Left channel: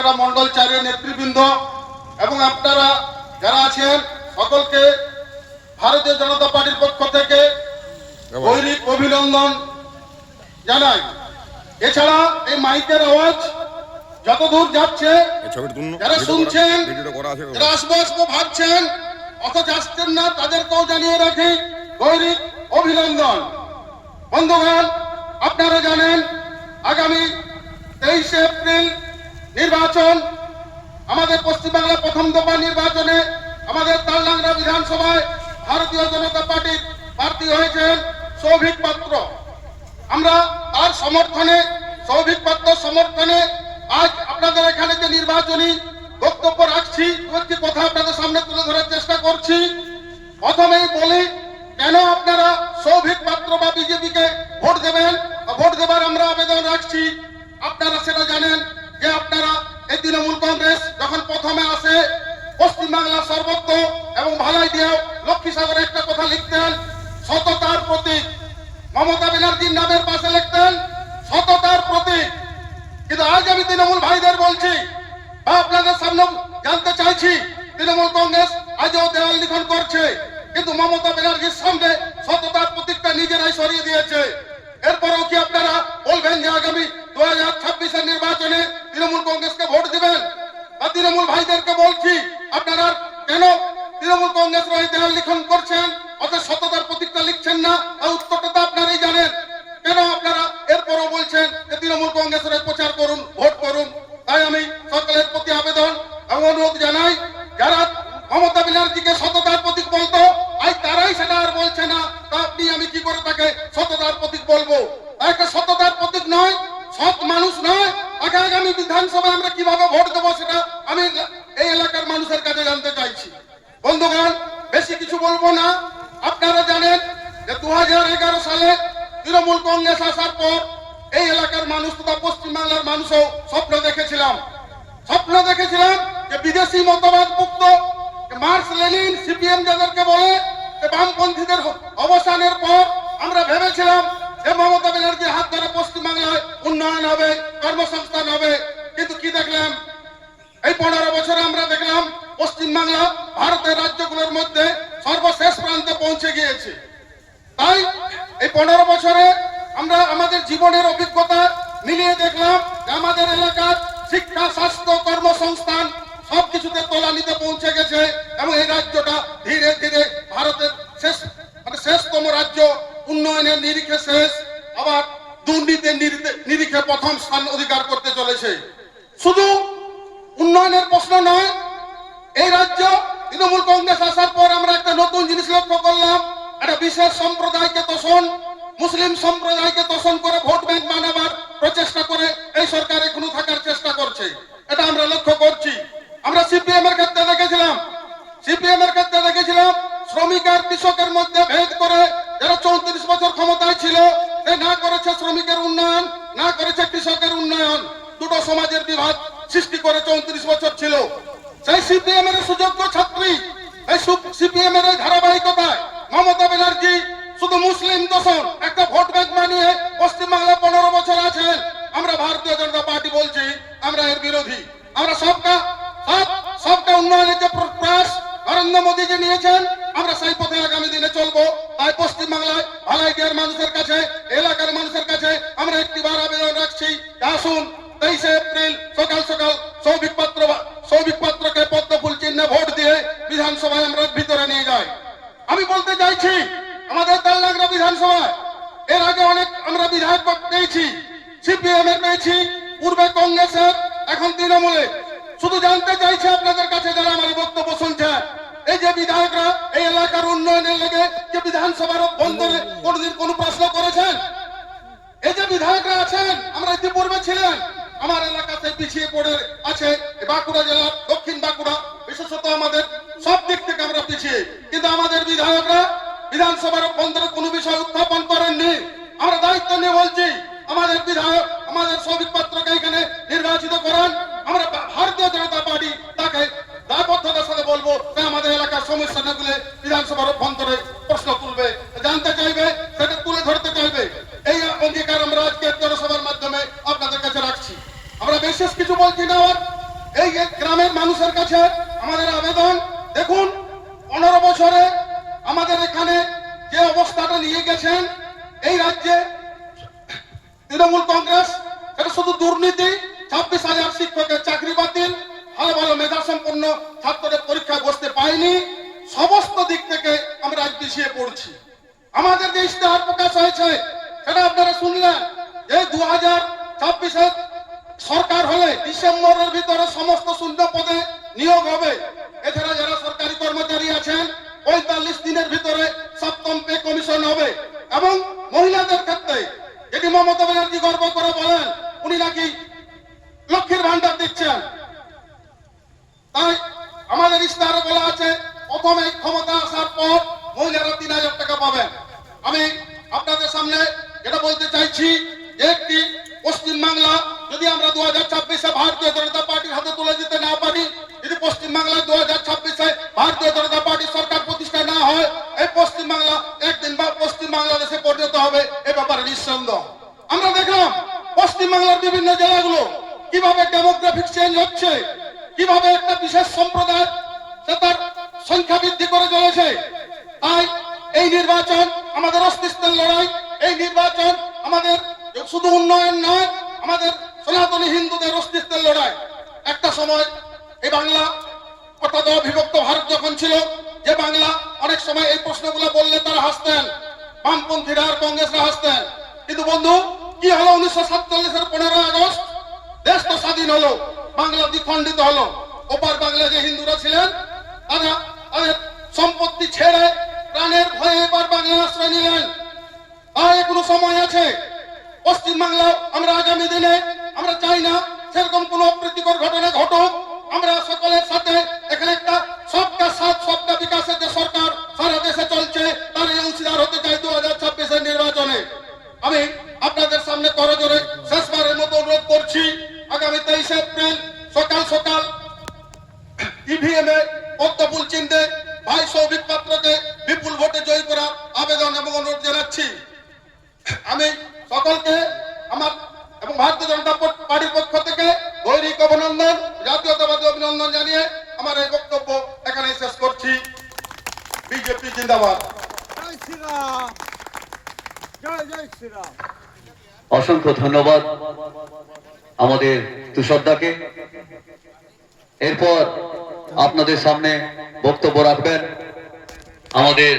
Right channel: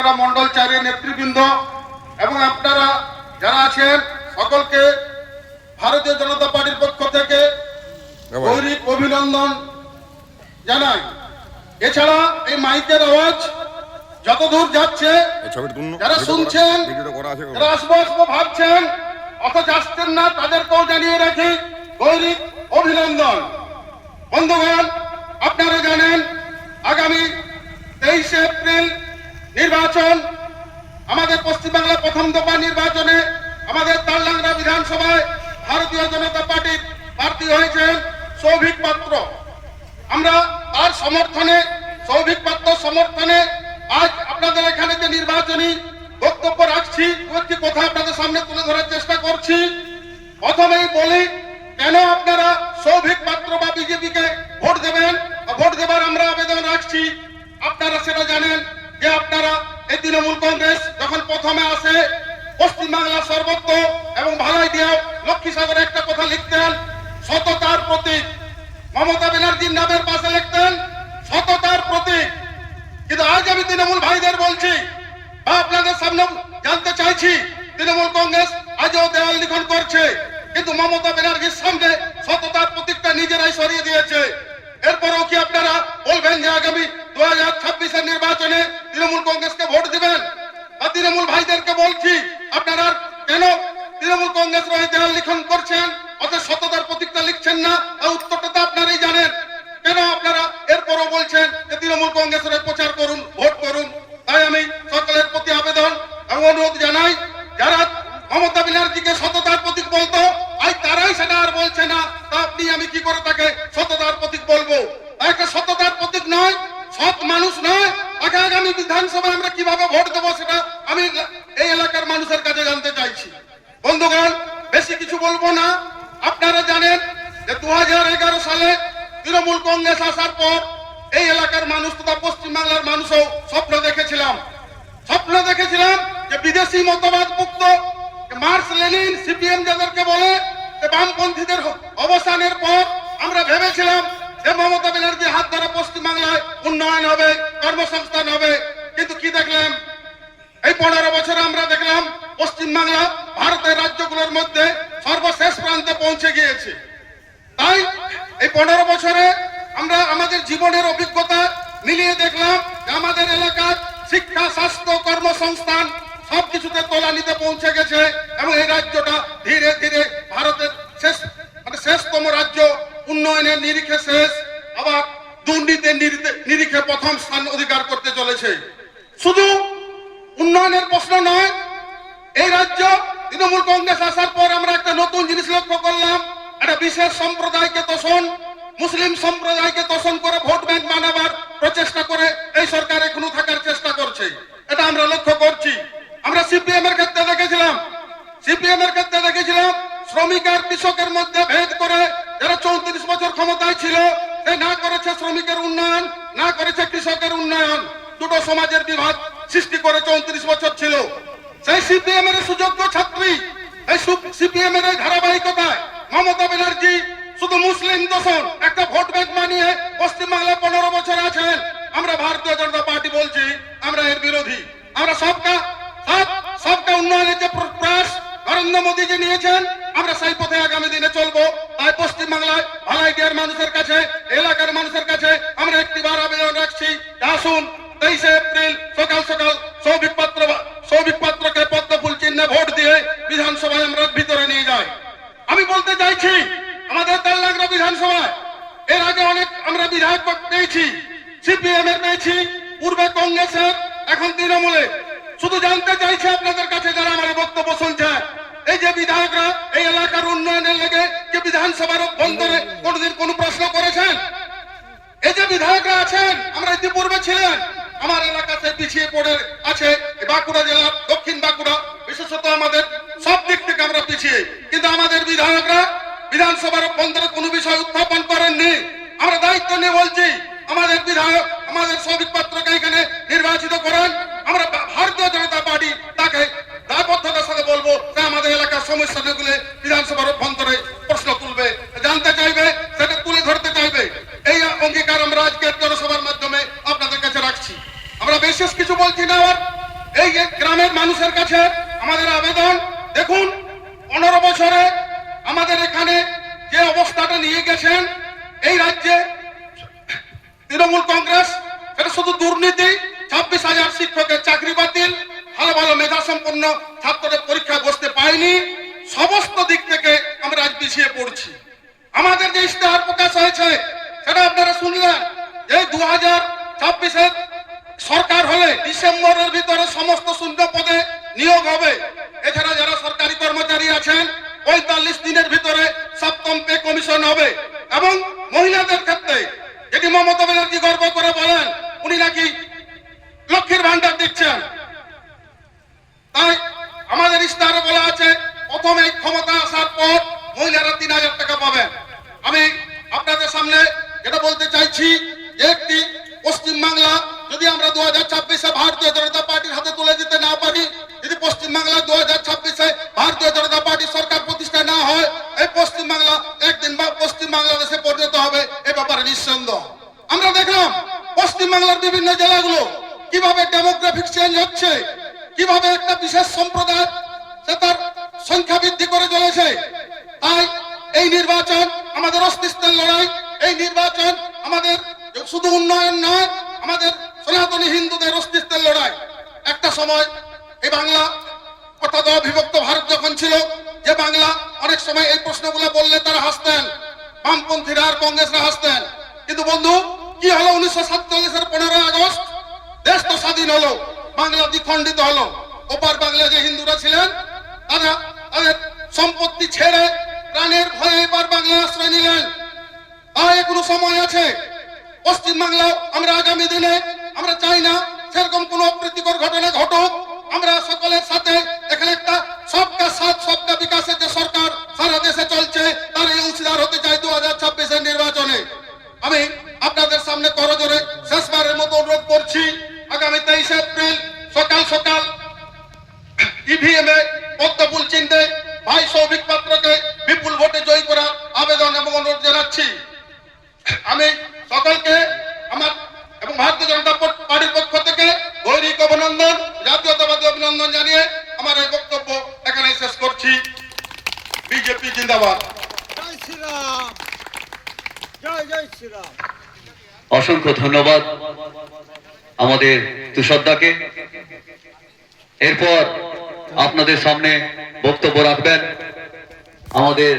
মন্ডল চারের নেতৃবৃন্দ এবং আপনারা যারা আছেন সকলকে ভারতীয় জনতা পার্টির পক্ষ থেকে গৌরব অভিনন্দন জানাই। এছাড়া এই মাইকের আওয়াজ যতদূর যাচ্ছে যারা শুনছেন যারা আসবো আসবো ভাবছেন অথচ আসছেন না তাদেরকেও জানিয়ে রাখি গৌরব অভিনন্দন। বন্ধুগণ, আপনারা জানেন আগামী 23 এপ্রিল নির্বাচন, আমাদের পশ্চিমবাংলা প্রথম দফা নির্বাচনে আমাদের তালডাংরা বিধানসভায় ভারতীয় জনতা পার্টির প্রার্থী হয়েছেন সৌভিক পাত্র। আমরা তার সমর্থনে, সৌভিক পাত্র সমর্থনে আজ আপনাদের এখানে যে নির্বাচনী বক্তব্য রাখছি, একটি কথা আপনাদের সামনে তুলে ধরার চেষ্টা করছি। প্রথমেই বলি, কেন আপনারা সৌভিক পাত্র বা বিজেপিকে ভোট দেবেন, ভোট দেবার আমরা আবেদন রাখছি। আপনারা সেটা জানেন যে আপনারা এই তৃণমূল কংগ্রেস যখন প্রথমে আসে পশ্চিমবাংলার সর্বত্র এবং ভালাই দিয়ে লক্ষ্মীসাগরে একটা কথা লিখতেন, সততার প্রতীক। মমতা ব্যানার্জির নামের পাশে লিখতেন সততার প্রতীক। কিন্তু আজ আমি তৃণমূল ভাইদের বলছি বা আপনাদের সামনে জানতে চাইছি, তৃণমূল কংগ্রেস আজও দেওয়াল লিখন করছে, কিন্তু মমতা ব্যানার্জির সামনে সততার প্রতীকটা নিজেরাই সরিয়ে দিয়েছে। এরপরেও কি আপনারা বলবেন যে আগামী 2026-এর নির্বাচনে তৃণমূল কংগ্রেসকে ভোট দিবেন? বা তৃণমূল ভাইদেরকে বলছি, আপনারা কেন তৃণমূল কংগ্রেসের হয়ে দেওয়াল লিখন করছেন, অথচ সততার প্রতীকটা লিখছেন না? উত্তরটা তো আপনারাই জানেন। কেন আপনারা এরপরও বলছেন যে তৃণমূল কংগ্রেসের প্রচার করুন, ভোট করুন? তাই আমি সকলের প্রতি আবেদন এবং অনুরোধ জানাই, যারা মমতা ব্যানার্জিকে সততার প্রতীক বলতো আজ তারাই সেটা আর বলছে না, তা আপনি আমি কি করে তাকে সততার প্রতীক বলবো? একটা সততার প্রতীক নয়, সৎ মানুষ নয়। তাকে আগামী বিধানসভায় আমরা কিভাবে ভোট দেবো সেটা আমি এই এলাকার মানুষের কাছে জানতে চাইছি। বন্ধুগণ, বেশি কিছু বলবো না। আপনারা জানেন যে 2011 সালে তৃণমূল কংগ্রেস আসার পর এই এলাকার মানুষ তথা পশ্চিমবাংলার মানুষও স্বপ্ন দেখেছিলাম যে বিদেশি মতবাদ মুক্ত মার্কস লেনিন সিপিএম যাদেরকে বলে বামপন্থীদের অবসানের পর আমরা ভেবেছিলাম যে মমতা ব্যানার্জির হাত ধরে পশ্চিমবাংলায় উন্নয়ন হবে, কর্মসংস্থান হবে। কিন্তু কি দেখলাম? এই 15 বছরে আমরা দেখলাম পশ্চিমবাংলা ভারতের রাজ্যগুলোর মধ্যে সর্বশেষ প্রান্তে পৌঁছে গিয়েছে। তাই এই 15 বছরে আমরা আমাদের জীবনের অভিজ্ঞতা মিলিয়ে দেখলাম যে আমাদের এলাকার শিক্ষা, স্বাস্থ্য, কর্মসংস্থান সবকিছুতে তলানিতে পৌঁছে গেছে এবং এই রাজ্যটা ধীরে ধীরে ভারতের শেষতম রাজ্য, উন্নয়নের নিরিখে শেষ, আবার দুর্নীতির নিরিখে প্রথম স্থান অধিকার করতে চলেছে। শুধু উন্নয়নের প্রশ্ন নয়, এই রাজ্য তৃণমূল কংগ্রেস আসার পর আমরা একটা নতুন জিনিস লক্ষ্য করলাম। একটা বিশেষ সম্প্রদায়কে তোষণ, মুসলিম সম্প্রদায়কে তোষণ করে ভোট ব্যাংক বানাবার প্রচেষ্টা করে এই সরকার এখনো থাকার চেষ্টা করছে। এটা আমরা লক্ষ্য করছি। আমরা সিপিএম এর ক্ষেত্রে দেখেছিলাম শ্রমিক আর কৃষকের মধ্যে ভেদ করে যারা 34 বছর ক্ষমতায় ছিল, সে না করেছে শ্রমিকের উন্নয়ন, না করেছে কৃষকের উন্নয়ন। দুটো সমাজের বিভাগ সৃষ্টি করে 34 বছর ছিল। সেই সিপিএম এর সুযোগ্য ছাত্রী, এই সিপিএম এর ধারাবাহিকতায় মমতা ব্যানার্জি শুধু মুসলিম দোষণ একটা ভোট ব্যাংক বানিয়ে পশ্চিমবাংলায় 15 বছর আছেন। আমরা ভারতীয় জনতা পার্টি বলছি আমরা এর বিরোধী। আমরা সবকা উন্নয়নের যে প্রয়াস নরেন্দ্র মোদীজি নিয়েছেন, আমরা সেই পথে আগামী দিনে চলবো। তাই পশ্চিমবাংলায় ভালাইদিয়ার মানুষের কাছে, এলাকার মানুষের কাছে আমরা একটিবার আবেদন রাখছি, আসুন 23 এপ্রিল সকাল সকাল সৌভিক পাত্রকে পদ্ম ফুল চিহ্নে ভোট দিয়ে বিধানসভায় আমরা ভিতরে নিয়ে যাই। আমি বলতে চাইছি, আমাদের তালডাংরা বিধানসভায় এর আগে অনেক আমরা বিধায়ক পেয়েছি, সিপিএম এর পেয়েছি, পূর্বে কংগ্রেসের, এখন তৃণমূলে। শুধু জানতে চাইছি আপনাদের কাছে যারা আমার বক্তব্য শুনছে, এই যে বিধায়করা এই এলাকার উন্নয়নের লেগে যে বিধানসভার অভ্যন্তরে কোনদিন কোন প্রশ্ন করেছেন? এই যে বিধায়করা আছেন, আমরা ইতিপূর্বে ছিলেন, আমার এলাকাতে পিছিয়ে পড়ে আছে বাঁকুড়া জেলার দক্ষিণ বাঁকুড়া, বিশেষত আমাদের সব দিক থেকে আমরা পিছিয়ে, কিন্তু আমাদের বিধায়করা বিধানসভার অভ্যন্তরে কোনো বিষয় উত্থাপন করেননি। আমরা দায়িত্ব নিয়ে বলছি, আমাদের বিধায়ক, আমাদের সৌভিক পাত্রকে এখানে নির্বাচিত করেন। আমরা ভারতীয় জনতা পার্টি তাকে দায়বদ্ধতার সাথে বলবো যে আমাদের এলাকার সমস্যাগুলো বিধানসভার অভ্যন্তরে প্রশ্ন তুলবে, জানতে চাইবে, সেটা তুলে ধরতে চাইবে। এই অঙ্গীকার আমরা আজকের জনসভার মাধ্যমে আপনাদের কাছে রাখছি। আমরা বিশেষ কিছু বলছি না। এই গ্রামের মানুষের কাছে আমাদের আবেদন, দেখুন 15 বছরে আমাদের এখানে যে অবস্থাটা নিয়ে গেছেন এই রাজ্যে তৃণমূল কংগ্রেস, এটা শুধু দুর্নীতি, 26,000 শিক্ষকের চাকরি বাতিল, ভালো ভালো মেধা সম্পন্ন ছাত্রদের পরীক্ষায় বসতে পায়নি, সমস্ত দিক থেকে আমরা আজ পিছিয়ে পড়ছি। আমাদের যে ইশতেহার প্রকাশ হয়েছে সেটা আপনারা শুনলেন, এই 2026-এর সরকার হলে ডিসেম্বরের ভিতরে সমস্ত শূন্য পদে নিয়োগ হবে। এছাড়া যারা সরকারি কর্মচারী আছেন 45 দিনের ভিতরে 7ম পে কমিশন হবে। এবং মহিলাদের ক্ষেত্রে যেটি মমতা ব্যানার্জি গর্ব করে বলেন উনি নাকি লক্ষ্মীর ভান্ডার দিচ্ছেন, তাই আমাদের ইশতেহারে বলা আছে প্রথমে ক্ষমতা আসার পর মহিলারা 3,000 টাকা পাবেন। আমি আপনাদের সামনে যেটা বলতে চাইছি, একটি পশ্চিমবাংলা যদি আমরা 2026-এ ভারতীয় জনতা পার্টির হাতে তুলে দিতে না পারি, যদি পশ্চিমবাংলা 2026-এ ভারতীয় জনতা পার্টি সরকার প্রতিষ্ঠা না হয়, এই পশ্চিমবাংলা একদিন বা পশ্চিম বাংলাদেশে পরিণত হবে, এ ব্যাপারে নিঃসন্দেহ। আমরা দেখলাম পশ্চিমবাংলার বিভিন্ন জেলাগুলো কিভাবে ডেমোগ্রাফিক চেঞ্জ হচ্ছে, কিভাবে একটা বিশেষ সম্প্রদায় সে তার সংখ্যা বৃদ্ধি করে চলেছে। তাই এই নির্বাচন আমাদের অস্তিত্বের লড়াই, এই নির্বাচন আমাদের শুধু উন্নয়ন নয়, আমাদের সনাতনী হিন্দুদের অস্তিত্বের লড়াই। একটা সময় এই বাংলা অর্থাৎ অবিভক্ত ভারত যখন ছিল, যে বাংলা অনেক সময় এই প্রশ্নগুলো বললে তারা হাসতেন, বামপন্থীরা আর কংগ্রেসরা হাসতেন। কিন্তু বন্ধু কি হলো 1947-এর 15 আগস্ট? দেশ তো স্বাধীন হলো, বাংলা দ্বিখণ্ডিত হলো। ওপার বাংলা যে হিন্দুরা ছিলেন তারা তাদের সম্পত্তি ছেড়ে প্রাণের ভয়ে এবার বাংলা আশ্রয় নিলেন। আর এখনো সময় আছে। পশ্চিমবাংলা আমরা আগামী দিনে আমরা চাই না সেরকম কোন অপ্রীতিকর ঘটনা ঘটুক। আমরা সকলের সাথে এখানে একটা সবকা সাথ সবকা বিকাশের যে সরকার সারা দেশে চলছে তার এই অংশীদার হতে চাই 2026-এর নির্বাচনে। আমি আপনাদের সামনে করজোরে শেষবারের মতো অনুরোধ করছি, আগামী 23 এপ্রিল সকাল সকাল ইভিএম এ পদ্মফুল চিহ্নে ভাই সৌভিক পাত্রকে বিপুল ভোটে জয়ী করার আবেদন এবং অনুরোধ জানাচ্ছি। আমি সকলকে আমার এবং ভারতীয় জনতা পার্টির পক্ষ থেকে গৈরিক অভিনন্দন, জাতীয়তাবাদী অভিনন্দন জানিয়ে আমার এই বক্তব্য এখানে শেষ করছি। বিজেপি জিন্দাবাদ। জয় শ্রীরাম, জয় জয় শ্রীরাম। অসংখ্য ধন্যবাদ আমাদের তুষারদাকে। এরপর আপনাদের সামনে বক্তব্য রাখবেন আমাদের